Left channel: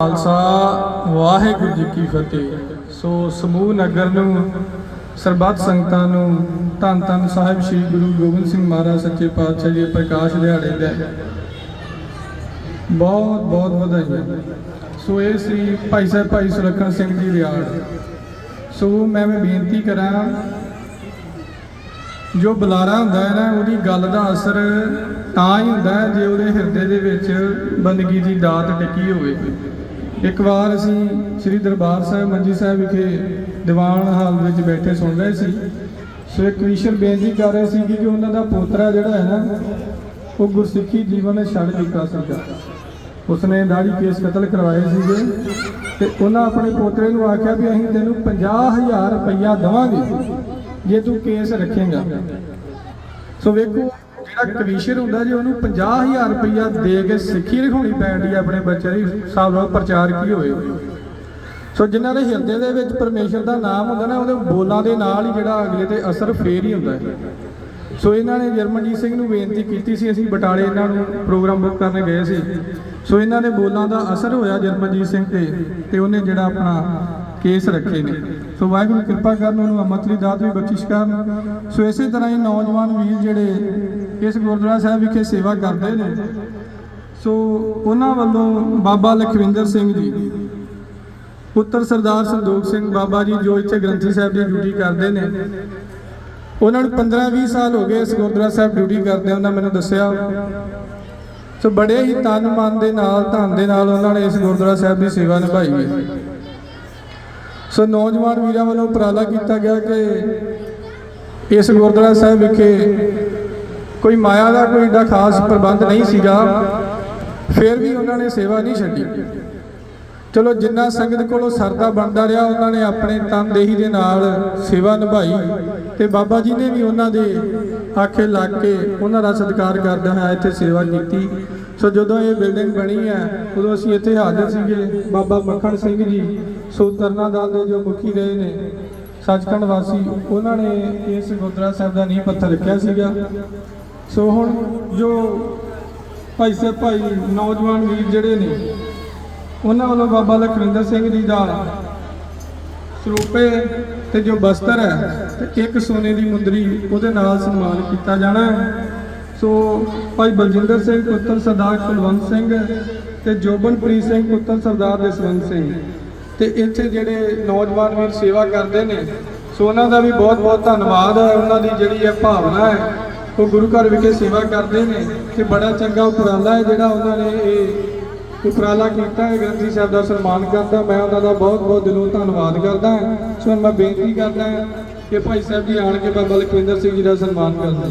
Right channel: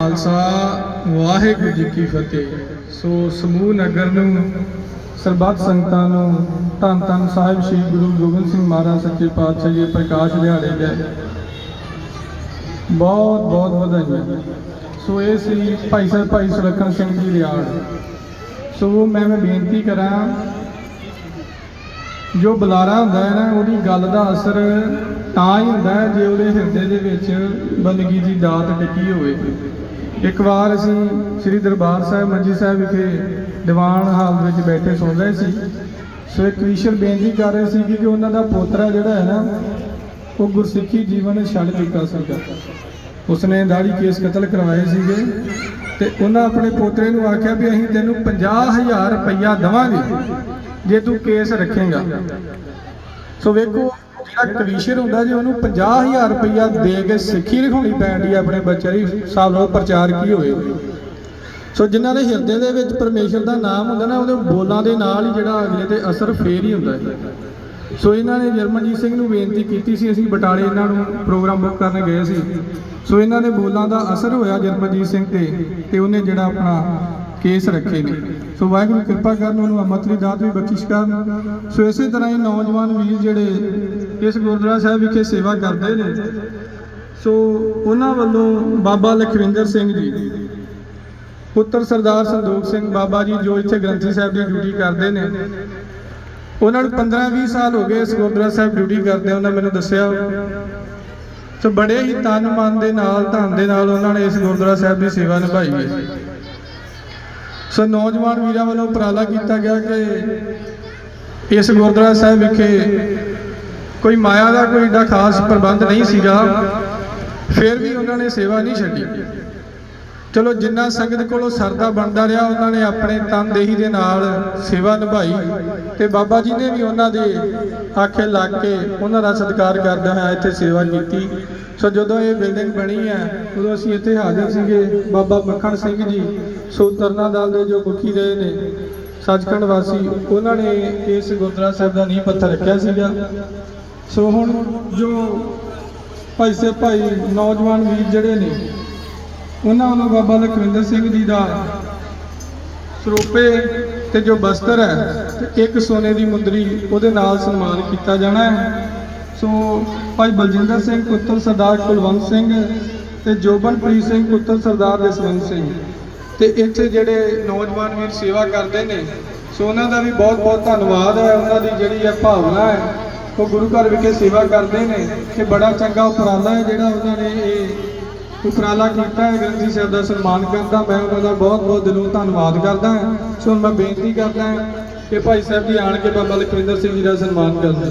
ਖਾਲਸਾ, ਵਾਹਿਗੁਰੂ ਜੀ ਕੀ ਫਤਿਹ। ਸੋ ਸਮੂਹ ਨਗਰ ਨੂੰ, ਸਰਬੱਤ ਸੰਗਤਾਂ ਨੂੰ ਧੰਨ ਧੰਨ ਸਾਹਿਬ ਸ੍ਰੀ ਗੁਰੂ ਗੋਬਿੰਦ ਸਿੰਘ ਮਹਾਰਾਜ ਸੱਚੇ ਪਾਤਸ਼ਾਹ ਜੀ ਪ੍ਰਕਾਸ਼ ਦਿਹਾੜੇ ਦਾ ਬਹੁਤ ਬਹੁਤ ਵਧਾਈਆਂ। ਸੋ ਇਹ ਸੀ ਭਾਈ ਸਾਹਿਬ, ਭਾਈ ਸੁਰੱਖਣ ਸਿੰਘ ਜੀ ਰਿਆੜ ਸੋ ਮੈਂ ਮੈਂ ਬੇਨਤੀ ਕਰਾਂ, ਜੋ ਬੁਲਾਰਾ ਹੁੰਦਾ ਹੈ ਨਾ, ਉਹਦੀ ਗੱਲ ਦਾ ਅਸਰ ਤਾਂ ਹੀ ਹੁੰਦਾ ਜੇ ਉਹਦੇ ਹਿਰਦੇ ਦੇ ਵਿੱਚ ਬੰਦਗੀ ਦੀ ਦਾਤ ਟਿੱਕੀ ਹੋਵੇ ਇੱਕ ਵਾਰ ਅਸੀਂ ਸ੍ਰੀ ਦਰਬਾਰ ਸਾਹਿਬ ਮੰਜੀ ਸਾਹਿਬ ਵਿਖੇ ਦੀਵਾਨ ਹਾਲ ਵਿੱਚ ਬੈਠੇ ਸੁਣ ਰਹੇ ਸੀ। ਸੋ ਇੱਕ ਈਸ਼ਰ ਬੇਨਤੀ ਕਰ ਰਹੇ ਸੀ ਕਿ ਉਹਨਾਂ ਦਾ ਪੋਤਰਾ ਜਿਹੜਾ ਹੈ ਨਾ, ਉਹ ਗੁਰਸਿੱਖੀ ਜੀਵਨ ਛੱਡ ਚੁੱਕਾ ਸੀਗਾ ਉਸਨੇ ਦਾੜੀ ਕੇਸ ਕਤਲ ਕਰਵਾਏ ਸੀਗੇ ਤੇ ਉਹਨਾਂ ਆਪਣੇ ਪੋਤਰੇ ਨੂੰ ਆਖਿਆ ਵੀ ਅਸੀਂ ਤੈਨੂੰ 50000 ਰੁਪਈਆ ਦਵਾਂਗੇ, ਜੇ ਤੂੰ ਕੇਸ ਰੱਖੇਗਾ। ਸੋ ਵੇਖੋ ਜਿਹੜਾ ਕਵੀਸ਼ਰ ਹੁੰਦਾ ਜੀ, ਉਹਨੂੰ 50000 ਰੁਪਈਆ ਦੇ ਕੇ ਸਿੱਖੀ ਲਿਖਾਉਣੀ ਪੈਂਦੀ ਹੈ ਆਪਣੇ ਬੱਚੇ ਦੀ, ਹਿਸਾਬ ਨਾਲ ਪ੍ਰਚਾਰ ਕੀ ਹੋਏ। ਸੋ ਜਿਨ੍ਹਾਂ ਦੇ ਹਿਰਦੇ ਦੇ ਵਿੱਚ ਪਰਮੇਸ਼ਰ ਦਾ ਨਾਮ ਹੁੰਦਾ ਨਾ, ਉਹਦੇ ਬੋਲਾਂ ਦੇ ਨਾਲ ਹੀ ਜਿਹੜਾ ਅਗਲੇ ਤੇ ਅਸਰ ਫੇਰ ਹੀ ਹੁੰਦਾ ਹੈ ਸੋ ਇਹਨਾਂ ਨੇ ਜਰਮਨਜੀਤ ਸਿੰਘ ਨੂੰ ਬੇਨਤੀ ਕੀਤੀ ਸੀ, ਅਸੀਂ ਬਟਾਲੇ ਇਹਨਾਂ ਨੂੰ ਪ੍ਰੋਗਰਾਮ ਬੁੱਕ ਕਰਨ ਗਏ ਸੀ। ਸੋ ਇਹਨਾਂ ਦੇ ਬੋਲਾਂ ਦਾ ਅਸਰ ਹੋਇਆ ਜਰਮਨਜੀਤ ਸਿੰਘ ਤੇ ਤੇ ਉਹਨੇ ਜਿਹੜਾ ਆਪਣਾ ਕੇਸ ਰੱਖੇ ਨੇ। ਸੋ ਵਾਹਿਗੁਰੂ ਕਿਰਪਾ ਕਰਨ ਉਹਨੂੰ ਅਮਰਤਰੀ ਦਾਤ ਵੀ ਬਖਸ਼ਿਸ਼ ਕਰਨ। ਸੋ ਇਸੇ ਤਰ੍ਹਾਂ ਹੀ ਨੌਜਵਾਨ ਵੀਰ ਜਿਹੜੇ ਇਸ ਗੁਰਦੁਆਰਾ ਸਾਹਿਬ ਵਿਖੇ ਸੇਵਾ ਕਰਦੇ ਨੇ। ਸੋ ਉਹਨਾਂ ਵੱਲੋਂ ਬਾਬਾ ਲਖਵਿੰਦਰ ਸਿੰਘ ਜੀ, ਪੁੱਤਰ ਸਰਦਾਰ ਸੰਦੋਖ ਸਿੰਘ ਬਾਬਾ ਜੀ, ਜੋ ਇੱਥੇ ਗ੍ਰੰਥੀ ਸਾਹਿਬ ਦੀ ਡਿਊਟੀ ਕਰਦੇ ਨੇ। ਉਹਨਾਂ ਨੂੰ 15-20 ਸਾਲ ਹੋ ਗਏ ਇਸ ਗੁਰਦੁਆਰਾ ਸਾਹਿਬ ਡਿਊਟੀ ਕਰਦੇ ਉਹਨਾਂ ਮੈਨੂੰ ਦੱਸਿਆ। ਸੋ ਬੜੇ ਹੀ ਤਨ ਮਨ ਦੇ ਨਾਲ, ਧਨ ਦੇ ਨਾਲ ਉਹਨਾਂ ਨੇ ਇਸ ਗੁਰਦੁਆਰਾ ਸਾਹਿਬ ਦੀ ਸੇਵਾ ਨਿਭਾਈ ਹੈ। ਸੋ ਨੌਜਵਾਨ ਵੀਰਾਂ ਵੱਲੋਂ ਉਪਰਾਲਾ ਕੀਤਾ ਗਿਆ ਕਿ ਇਸ ਗੁਰਦੁਆਰਾ ਸਾਹਿਬ ਵਿਖੇ ਕੋਈ ਮਾਇਆ ਦਾ ਕੋਈ ਏਡਾ ਖਾਸ ਪ੍ਰਬੰਧ ਨਹੀਂ ਸੀਗਾ। ਫਿਰ ਵੀ ਉਹਨਾਂ ਨੇ ਸੇਵਾ ਨਹੀਂ ਛੱਡੀ। ਚਲੋ ਜਿੰਨਾ ਸੰਗਤ ਕੋਲੋਂ ਸਰਦਾ ਬਣਦਾ ਰਿਹਾ, ਉਹਨਾਂ ਨੇ ਆਪਣੇ ਤਨਦੇਹੀ ਦੇ ਨਾਲ ਸੇਵਾ ਨਿਭਾਈ ਤੇ ਬਾਬਾ ਜੀ ਨੇ ਵੀ ਉਹਨਾਂ ਦੇ ਆਖੇ ਲੱਗ ਕੇ ਉਹਨਾਂ ਦਾ ਸਤਿਕਾਰ ਕਰਦਾ ਹੋਇਆ ਇੱਥੇ ਸੇਵਾ ਕੀਤੀ। ਸੋ ਜਦੋਂ ਇਹ ਬਿਲਡਿੰਗ ਬਣੀ ਹੈ, ਉਦੋਂ ਅਸੀਂ ਇੱਥੇ ਹਾਜ਼ਰ ਸੀਗੇ। ਬਾਬਾ ਮੱਖਣ ਸਿੰਘ ਜੀ ਸੋ ਤਰਨਾ ਦਲ ਦੇ ਜੋ ਮੁਖੀ ਰਹੇ ਨੇ, ਸੱਚਖੰਡ ਵਾਸੀ, ਉਹਨਾਂ ਨੇ ਇਸ ਗੁਰਦੁਆਰਾ ਸਾਹਿਬ ਦਾ ਨੀਂਹ ਪੱਥਰ ਰੱਖਿਆ ਸੀਗਾ। ਸੋ ਹੁਣ ਜੋ ਭਾਈ ਸਾਹਿਬ, ਭਾਈ ਨੌਜਵਾਨ ਵੀਰ ਜਿਹੜੇ ਨੇ, ਉਹਨਾਂ ਵੱਲੋਂ ਬਾਬਾ ਲਖਵਿੰਦਰ ਸਿੰਘ ਜੀ ਦਾ ਸਰੂਪੇ ਤੇ ਜੋ ਬਸਤਰ ਹੈ, ਤੇ ਇੱਕ ਸੋਨੇ ਦੀ ਮੁੰਦਰੀ, ਉਹਦੇ ਨਾਲ ਸਨਮਾਨ ਕੀਤਾ ਜਾਣਾ ਹੈ। ਸੋ ਭਾਈ ਬਲਜਿੰਦਰ ਸਿੰਘ, ਪੁੱਤਰ ਸਰਦਾਰ ਕੁਲਵੰਤ ਸਿੰਘ ਤੇ ਜੋਬਨਪ੍ਰੀਤ ਸਿੰਘ, ਪੁੱਤਰ ਸਰਦਾਰ ਜਸਵੰਤ ਸਿੰਘ। ਤੇ ਇੱਥੇ ਜਿਹੜੇ ਨੌਜਵਾਨ ਵੀਰ ਸੇਵਾ ਕਰਦੇ ਨੇ, ਸੋ ਉਹਨਾਂ ਦਾ ਵੀ ਬਹੁਤ ਬਹੁਤ ਧੰਨਵਾਦ ਹੈ। ਉਹਨਾਂ ਦੀ ਜਿਹੜੀ ਇਹ ਭਾਵਨਾ ਹੈ, ਉਹ ਗੁਰੂ ਘਰ ਵਿਖੇ ਸੇਵਾ ਕਰਦੇ ਨੇ ਕਿ ਬੜਾ ਚੰਗਾ ਉਪਰਾਲਾ ਹੈ ਜਿਹੜਾ ਉਹਨਾਂ ਨੇ ਇਹ ਉਪਰਾਲਾ ਕੀਤਾ ਹੈ। ਗ੍ਰੰਥੀ ਸਾਹਿਬ ਦਾ ਸਨਮਾਨ ਕਰਦਾ, ਮੈਂ ਉਹਨਾਂ ਦਾ ਬਹੁਤ ਬਹੁਤ ਦਿਲੋਂ ਧੰਨਵਾਦ ਕਰਦਾ ਹਾਂ। ਸੋ ਹੁਣ ਮੈਂ ਬੇਨਤੀ ਕਰਦਾ ਕਿ ਭਾਈ ਸਾਹਿਬ ਜੀ ਆਣ ਕੇ ਬਾਬਾ ਲਖਵਿੰਦਰ ਸਿੰਘ ਜੀ ਦਾ ਸਨਮਾਨ ਕਰਦਾ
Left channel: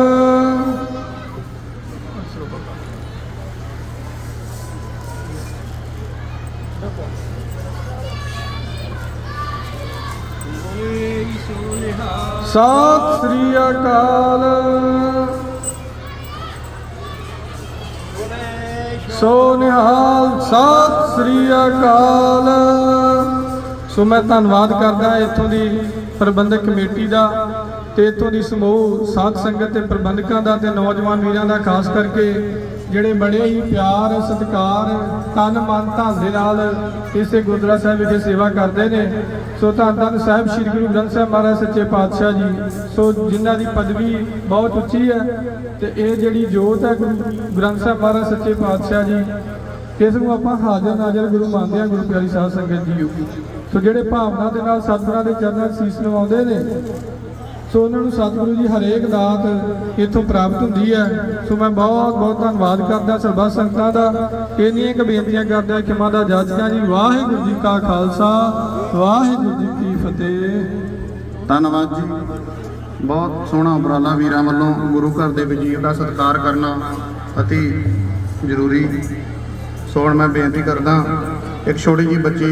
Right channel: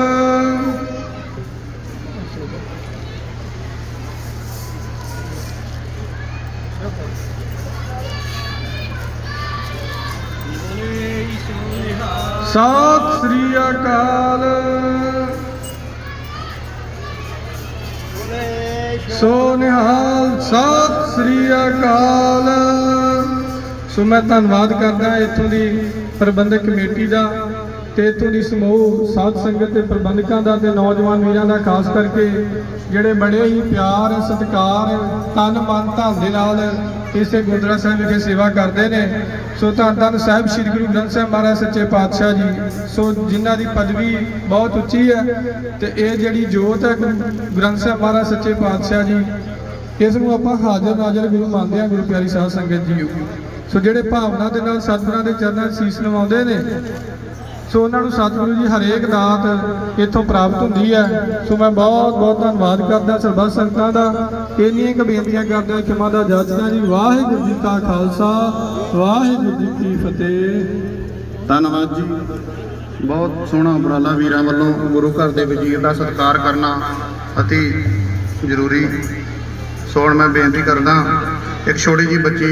ਸਤਿ ਸ੍ਰੀ ਅਕਾਲ। ਸੋ ਨਿਹਾਲ, ਸਤਿ ਸ੍ਰੀ ਅਕਾਲ। ਸੋ ਮੈਂ ਧੰਨਵਾਦ ਕਰਦਾ ਇੱਥੋਂ ਦੀ ਪ੍ਰਬੰਧਕ ਕਮੇਟੀ ਦਾ ਤੇ ਇੱਥੋਂ ਦੀ ਸਮੂਹ ਸਾਧ ਸੰਗਤ ਤੇ ਪ੍ਰਬੰਧਕਾਂ ਦਾ ਤੇ ਨੌਜਵਾਨ ਵੀਰਾਂ ਦਾ, ਖਾਸ ਕਰਕੇ ਜਿਹੜੇ ਬੜੇ ਹੀ ਪਿਆਰ, ਸਤਿਕਾਰ, ਤਨ ਮਨ ਧਨ ਦੇ ਨਾਲ ਇਸੇ ਗੁਰਦੁਆਰਾ ਸਾਹਿਬ ਵਿਖੇ ਸੇਵਾ ਕਰਦੇ ਨੇ। ਸੋ ਧੰਨ ਧੰਨ ਸਾਹਿਬ, ਸ੍ਰੀ ਗੁਰੂ ਗ੍ਰੰਥ ਸਾਹਿਬ ਮਹਾਰਾਜ, ਸੱਚੇ ਪਾਤਸ਼ਾਹ ਜੀ। ਸੋ ਜਿਨ੍ਹਾਂ ਦੀ ਪਦਵੀ ਬਹੁਤ ਉੱਚੀ ਹੈ ਤੇ ਇਹ ਜਿਹੜੀ ਜੋਤ ਹੈ ਗ੍ਰੰਥ ਸਾਹਿਬ ਮਹਾਰਾਜ, ਸੱਚੇ ਪਾਤਸ਼ਾਹ ਜੀ, ਇਸ ਨੂੰ ਆਪਾਂ ਹਾਜ਼ਰ ਨਾਜ਼ਰ ਗੁਰੂ ਮੰਨਦੇ ਹਾਂ, ਗੁਰੂ ਪਿਆਰੀ ਸਾਧ ਸੰਗਤ ਜੀ। ਸੋ ਜਿਹੜੇ ਭਾਵਨਾ ਦੇ ਨਾਲ ਸਤਿਗੁਰਾਂ ਦੇ ਚਰਨਾਂ 'ਚ ਸੀਸ ਨਵਾਉਂਦੇ ਨੇ ਸੋ ਉਹਨਾਂ ਨੂੰ ਸਤਿਗੁਰੂ ਜੀ ਹਰੇਕ ਦਾਤ ਇੱਥੋਂ ਪ੍ਰਾਪਤ ਹੁੰਦੀ ਹੈ। ਸੋ ਮੈਂ ਬਹੁਤ ਬਹੁਤ ਧੰਨਵਾਦ ਕਰਦਾ ਸਰਬੱਤ ਸੰਗਤਾਂ ਦਾ। ਇੰਨੀਆਂ ਕੁ ਬੇਨਤੀਆਂ ਕਰਦਾ ਕਿ ਮਾਂ ਦਾ ਜੱਜਦਾ ਜੀ, ਵਾਹਿਗੁਰੂ ਜੀ ਕਾ ਖਾਲਸਾ, ਵਾਹਿਗੁਰੂ ਜੀ ਕੀ ਫਤਿਹ। ਧੰਨਵਾਦ ਜੀ। ਬਹੁਤ ਸੋਹਣਾ ਉਪਰਾਲਾ ਵੀਰਾਂ ਵੱਲੋਂ ਗੁਰੂ ਘਰ ਦੇ ਵਜ਼ੀਰ ਦਾ ਸਤਿਕਾਰ ਕਰਨਾ ਅਤੀ ਜ਼ਰੂਰੀ। ਸੋ ਹੁਣ ਮੈਂ ਬੇਨਤੀ ਕਰਦਾ, ਇੱਕ ਛੋਟੀ ਜੀ ਬੱਚੀ